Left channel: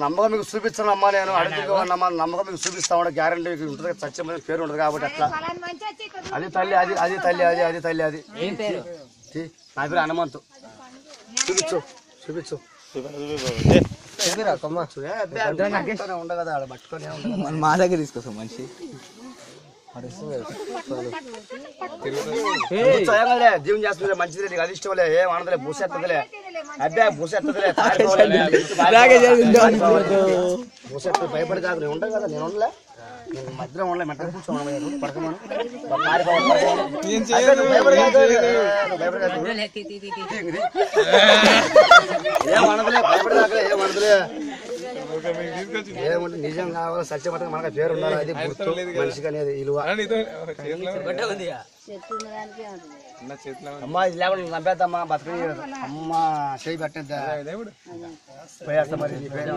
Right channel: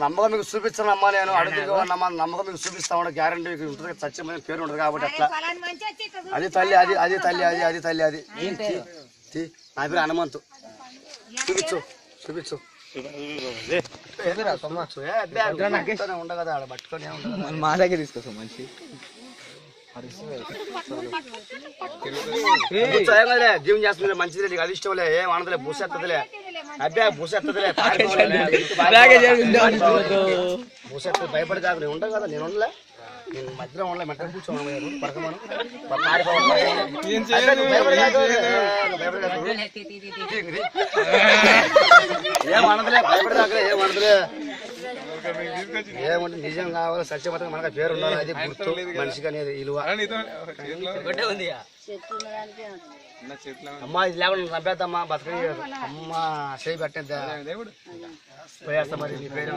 నమ్మకం మీకు చూపిస్తాను అమ్మా, నేను అడుగుతున్నా నమ్మకం మీకు చూపిస్తా ఉన్నా, గ్యారంటీ ఉంటుంది, చచ్చే పేరు ఉంటుంది కాబట్టి అట్లా. అది తల్లి, అది తల్లి, అది తల్లి, అది నా పేరు హనుమంతు. చూపించు ఉండ కదా ఆడ పట్టుకొని మా దగ్గర తీసుకొస్తాం మనిషి. జీవన్ చేస్తుంది మంచిది, నీకు అది ఇష్టంలే, ఏం ఆనదలే, పూసేత్తదిలే, అబ్బే పూసేత్తదిలే, పూసేత్తది, భయపడి కాదు, నేను ఉండవు కదా, నేను ఉండలే, నేను మధ్యలో ఉండలే, మెట్ట కూర్చోమను పడకమను, భయపడి కాదు, ఏం అనదలే, భయపడి కాకలే, ఏం అనదలే, ఏమంటే నిజం కావాలి, సత్యమతం మనకు పేరు ఉండాలి, అది గుర్తు మనిషికి అనేది విలువ. అమ్మా ఇది లేకుండా నమ్మేద్దమ్మా, బతకని అమ్మ చేయి పెట్టేద్దా పోయేస్తా మరి, నీ పేరు